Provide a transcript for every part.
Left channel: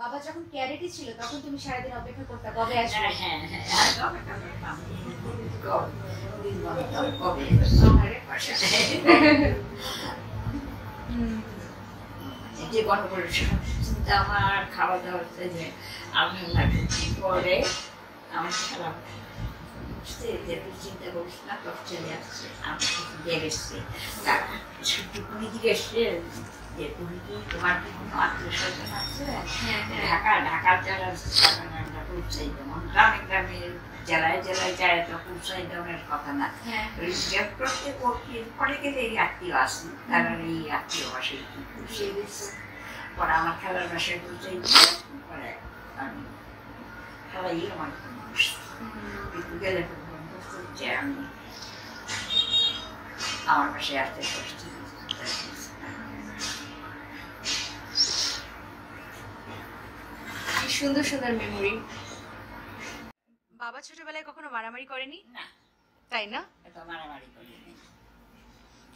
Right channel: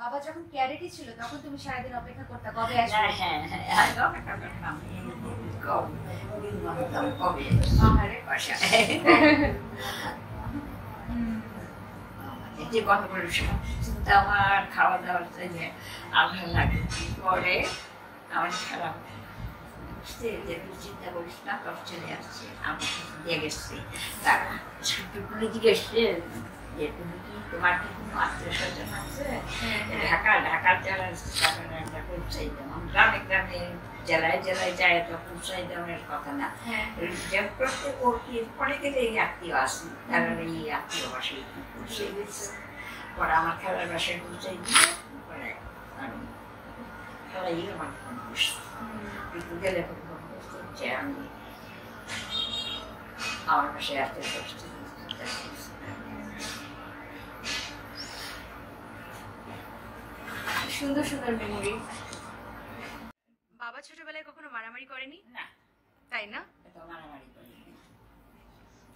বাবা যখন ক্যারেটে ছিল তখন তুমি সারাদিন অপেক্ষা করতে কবে আসবে? হ্যাঁ হ্যাঁ অপেক্ষা করতাম কবে যে গন্ডগোল চিন্তা আমার খাওয়া দাওয়া যে আমি লাগে পরে আমার খেলা চিন্তা করিস না তোর চলে আসছে আমার দিয়ে গেছে টুকুনি জিজ্ঞেসছে যে তুমি কি তোমার কি কোনো আত্মীয় স্বজন আছে ঢাকার যারা পৌঁছাই যেমন গ্রামে গ্রামে জেলায় জেলায় যায় তো পৌঁছাই দেওয়ার কথা না প্রত্যেক পরে গেলে এই আত্মীয় আসে তারা এই আত্মীয় বাসায় পৌঁছে গেছে পরে আমার খেলার বাসায় পৌঁছাই পরে আমি খেলাই আমার গেলে যে আমি আমার বাসায় আসতে বসছি সুন্দর সুন্দর মেমোরি। বাবা ছোটবেলায় কখনো মারামারি করেনি? না। তাই না? এত মারামারি করিনি।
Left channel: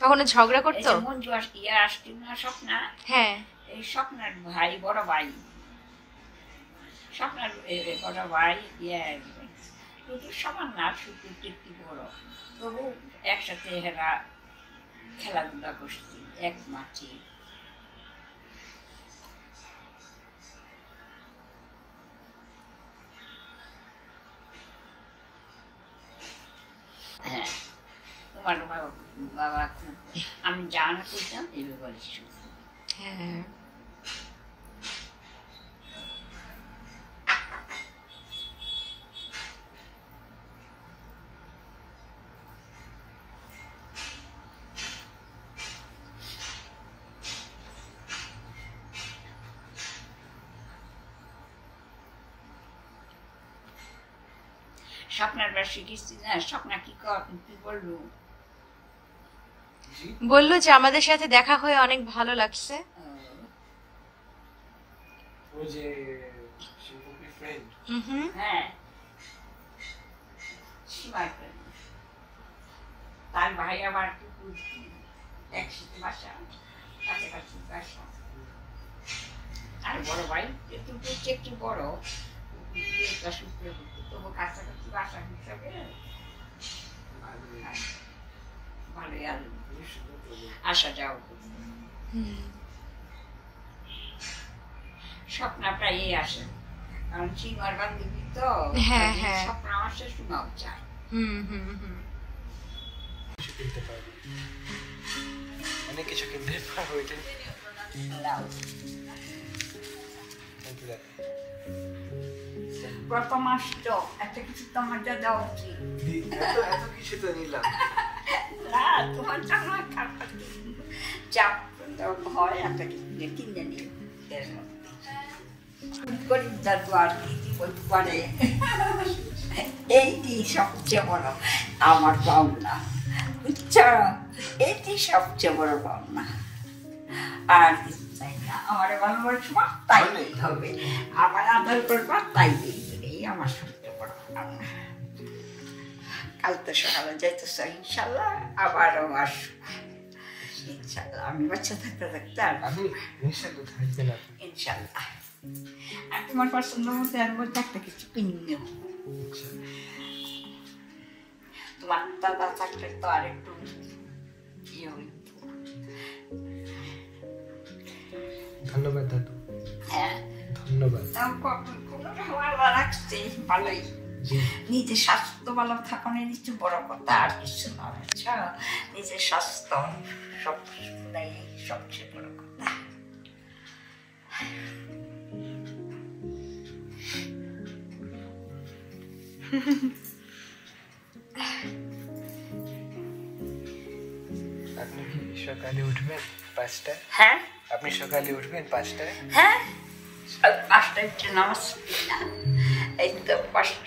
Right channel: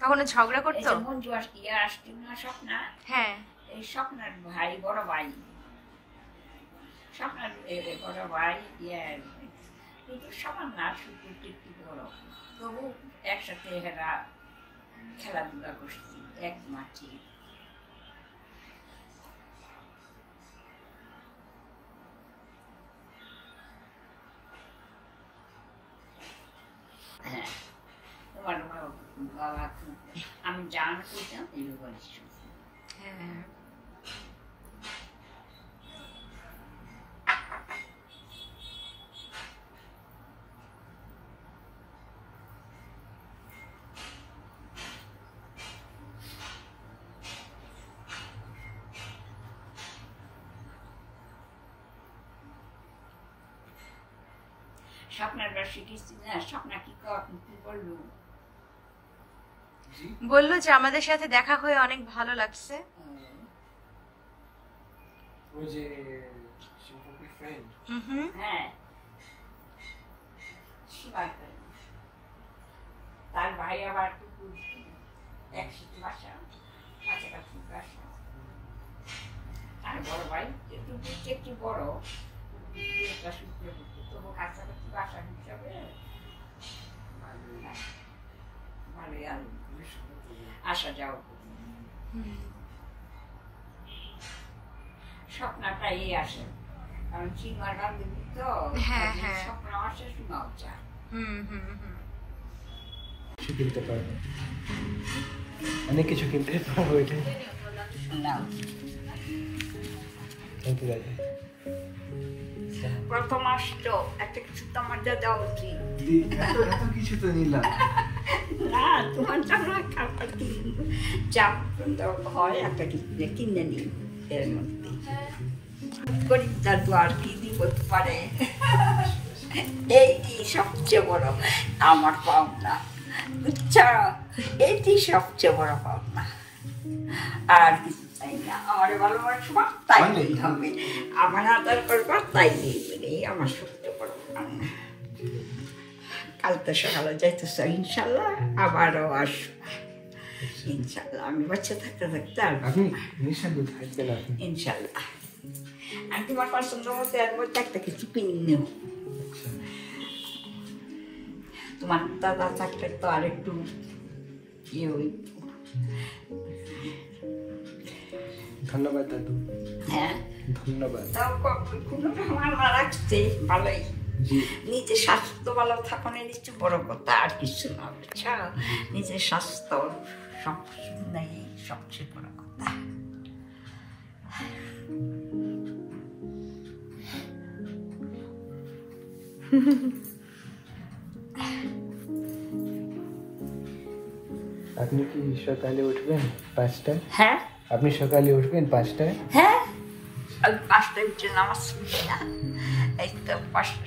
কখনো ঝগড়া করতো? মঞ্জু আসছে না স্বপ্না? হ্যাঁ। এই স্বপ্নার ভাই বড় ভাই স্বপ্নার বড় ভাই সমান না শুধু একটু বড় তবু একসাথে এরা খেলাধুলা করছি এক মাঠে। হ্যাঁ তোমার বাবা আমি জানা করতাম এইভাবে বলিস। হ্যাঁ স্বপ্নার বার শিখেছি না স্বপ্না কি বললো? বললো যে আমাদের সাথে দেখা হয়ে অনেক ভালো লাগছে। হ্যাঁ তার ভাই আবার একসাথে বাসা কাছাকাছি বাসা আর বড় ভাই একটু বড় তবু কাছাকাছি বাসা হিসাবে ভালোই আসা যাও। স্বপ্না প্রায়ই আসে কারণ চিমার বান্ধবী তো স্বপ্ন আমার শেষমাও চায়। কিনতে পারবে অনেক কিছু কিনতে পারবো এটা প্রথম আসতো একটা কিছু তোমার যা দেওয়া উচিত এত কিছু তো নিলাম না তোমার জন্য যা হয় একটা কিছু কিনে নিন এর মধ্যে গরিব দাদু আর কি বলতে পারে এইটি সবচেয়ে বড় আমার পাওনা বুঝছো এইটি সবচেয়ে বড় পাওনা আর কিছু চাই না আমার ভালোবাসবা তাই হবে আমার আদর করবা তাই দেবে আমার সবচেয়ে বড় পাওনা। কাল তো সকালে যাইতেছ ইনশাল্লাহ আবারও আসবো ইনশাল্লাহ আমি বাচ্চা থাকতে থাকতে আর ইনশাল্লাহ আমি তোমার পছন্দ মতো আর বলতে একটা কিছু কিনে নেব। তোমার দাদা থাকলে তো আর একটু ইয়ে হইত। ধন্যবাদ দাদু। হ্যাঁ ধন্যবাদ। কোনো আমার রাখছে ভালোই নিজের স্বাস্থ্য ভালো থাকানো কিছু বড় কথা আর কিছু না বুঝছো নিজের স্বাস্থ্য সব সবচেয়ে বড় কথা। আপনি কি সকালে উঠবেন 5টায়? হ্যাঁ আপনি সকালে উঠবেন 5টায়? হ্যাঁ 5টায় উঠে নামাজ পড়ি না এই তো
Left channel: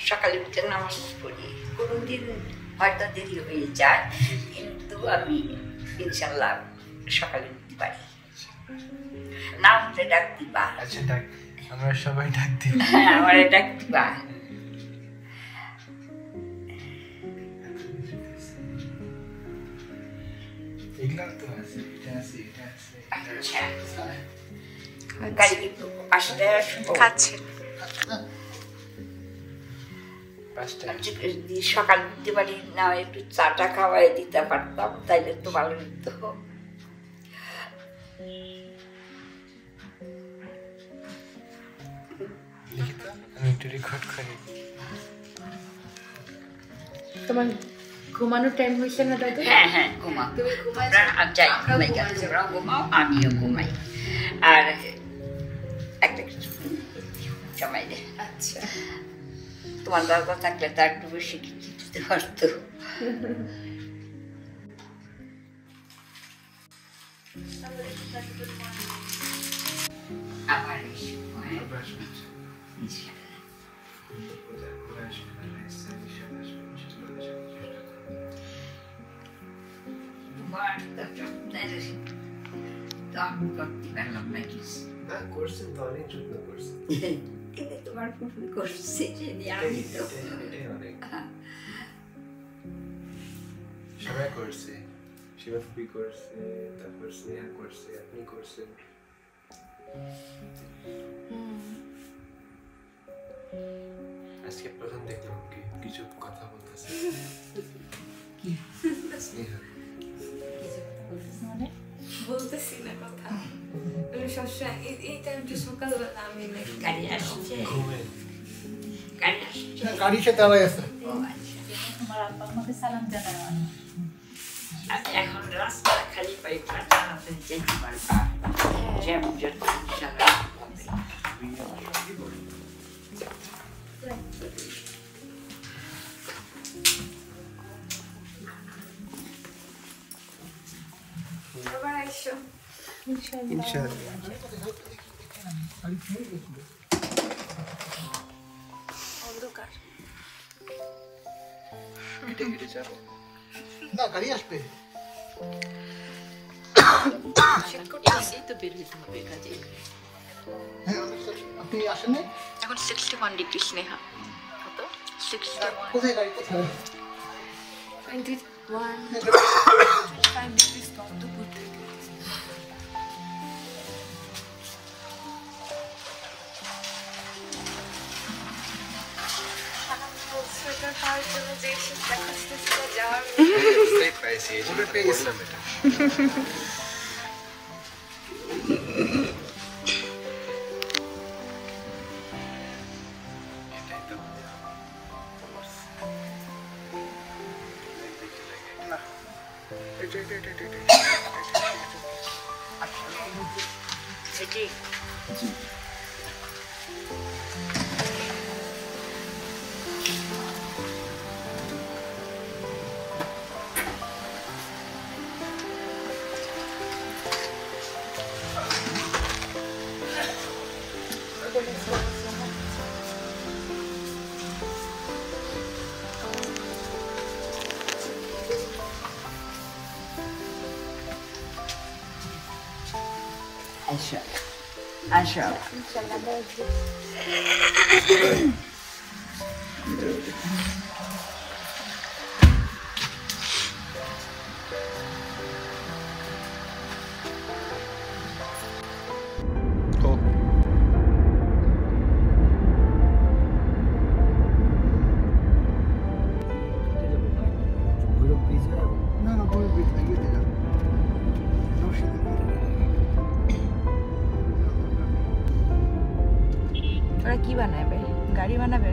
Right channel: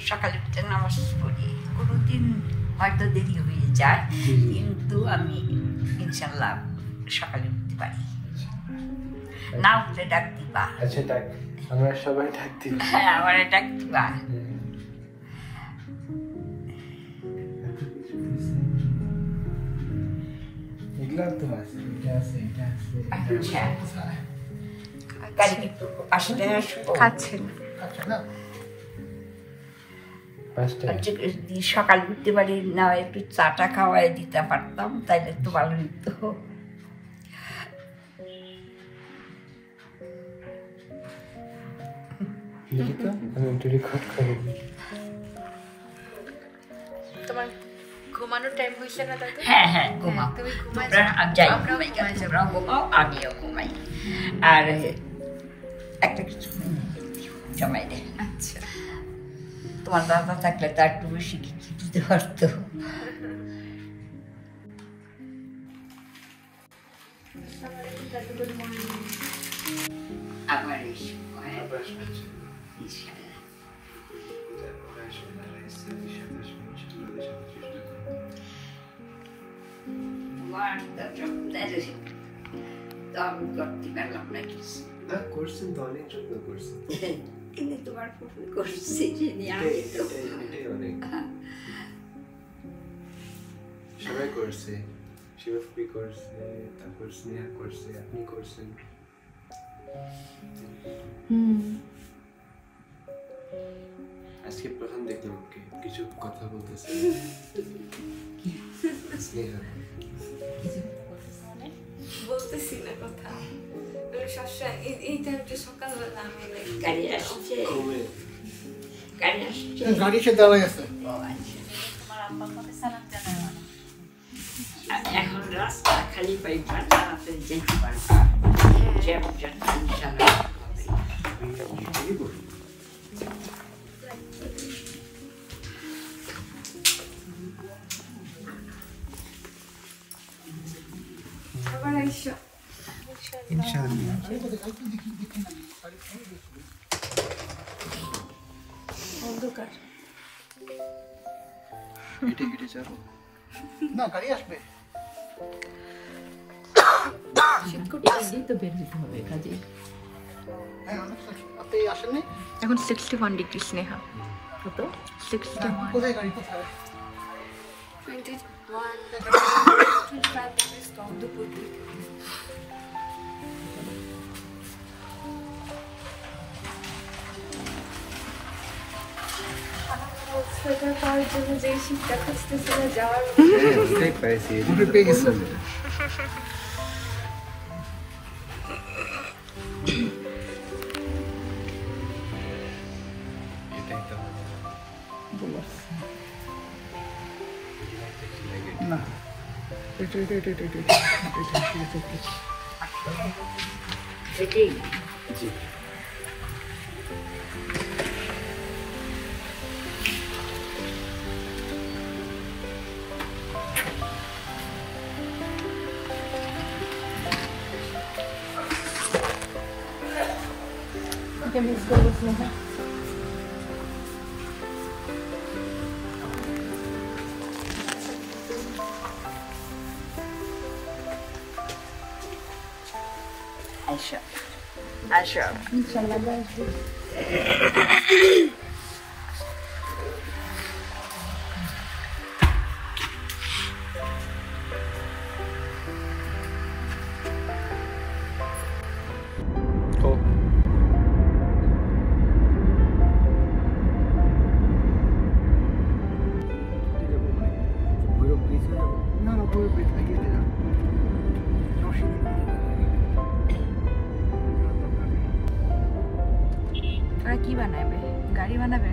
সকালে উঠে নামাজ পড়ি কোনোদিন হয়তো দেরি হয়ে যায় কিন্তু আমি ইনশাল্লাহ সকালে উঠতে পারি না উঠলে ডাক দিবা। আচ্ছা ডাক আমরা সবাই ডাক দিই। হ্যাঁ আমার ডাক দিবা। এগুলো তো আছে এটা আছে এটা আছে আচ্ছা গাড়িকে একটু পাশে দিয়ে আসবো। খাচ্ছেন? আর যদি সকাল উঠতে পারি না একটু চাটা খাওয়াই দিতে পারতাম তাইলে তো ভালো হতো। লিখিত আমি একটু রেকর্ড করে নিই। তোমার ঘুমানোর টাইম হয়েছে না দাদু? হ্যাঁ হ্যাঁ ঘুমাও, তুমি ঘুমাই যাই আমরাও ঘুমাই, ঘুমাই যাবো। তোমরাও ঘুমাও আমিও ঘুমাই। আর একটা কিছু জমাই দে, আচ্ছা। তোমার দাদা থাকলে তার একটু বেশি কিছু দিতে পারতো। আবার এই সময় আবার আসবে। ইনশাআল্লাহ। ওরা আসবে না, এসে সাথে আসবে, ইনশাআল্লাহ ওদের সাথে চেষ্টা করবো। তোমার তো আমি করতে পারলাম না কিছু, না করছেন তো, অনেক যত্ন করছেন। কিন্তু তোমার ফুফু করছে যে নিয়ে আমি তো এটাই অনেক। সবাই করছে, শিবা ফুপি করছে, তারপর স্নেহা করছে, আপনি করছেন। আজকে প্রথম দেখলাম কিছু কথা বলতেছে স্নেহা। বলতেছি না কথা, আমি সবসময় এই টাইমটা সকালবেলা আমি গাড়ি আসছে, ঘুমে গাড়ি আসছে। গাড়ি সে দাঁড়ায় আছে। ও আচ্ছা। এখন রাস্তা খালি পাইবা, তাড়াতাড়ি যেতে পারবা, যেমন যত ইনশাআল্লাহ হবে। কি বলি আবার আইসো ইনশাআল্লাহ। অন্ধকার। কেটে কেটে যাবো। না গাড়ি আসবে। শীত করতেছে। হ্যাঁ আপনি আসেননি? এখন 61 ডিগ্রি স্নেহা। কত? 61 কোথায় গাড়ি কোথায়? 21 25 ডিগ্রি কম দুপুর থেকে। সোয়েটার পরার জন্য যে শীতটা খুঁজতেছিল যাওয়ার বুঝতেই পাইছি, এই উঠে পেয়ে গেছি। এটাই তো না এটা সেটাই জি। আসো আসো। হোক। না না পরে বেট গিয়ে দিলাম। ওরা কি বানাবে? গাড়ি বানাবে?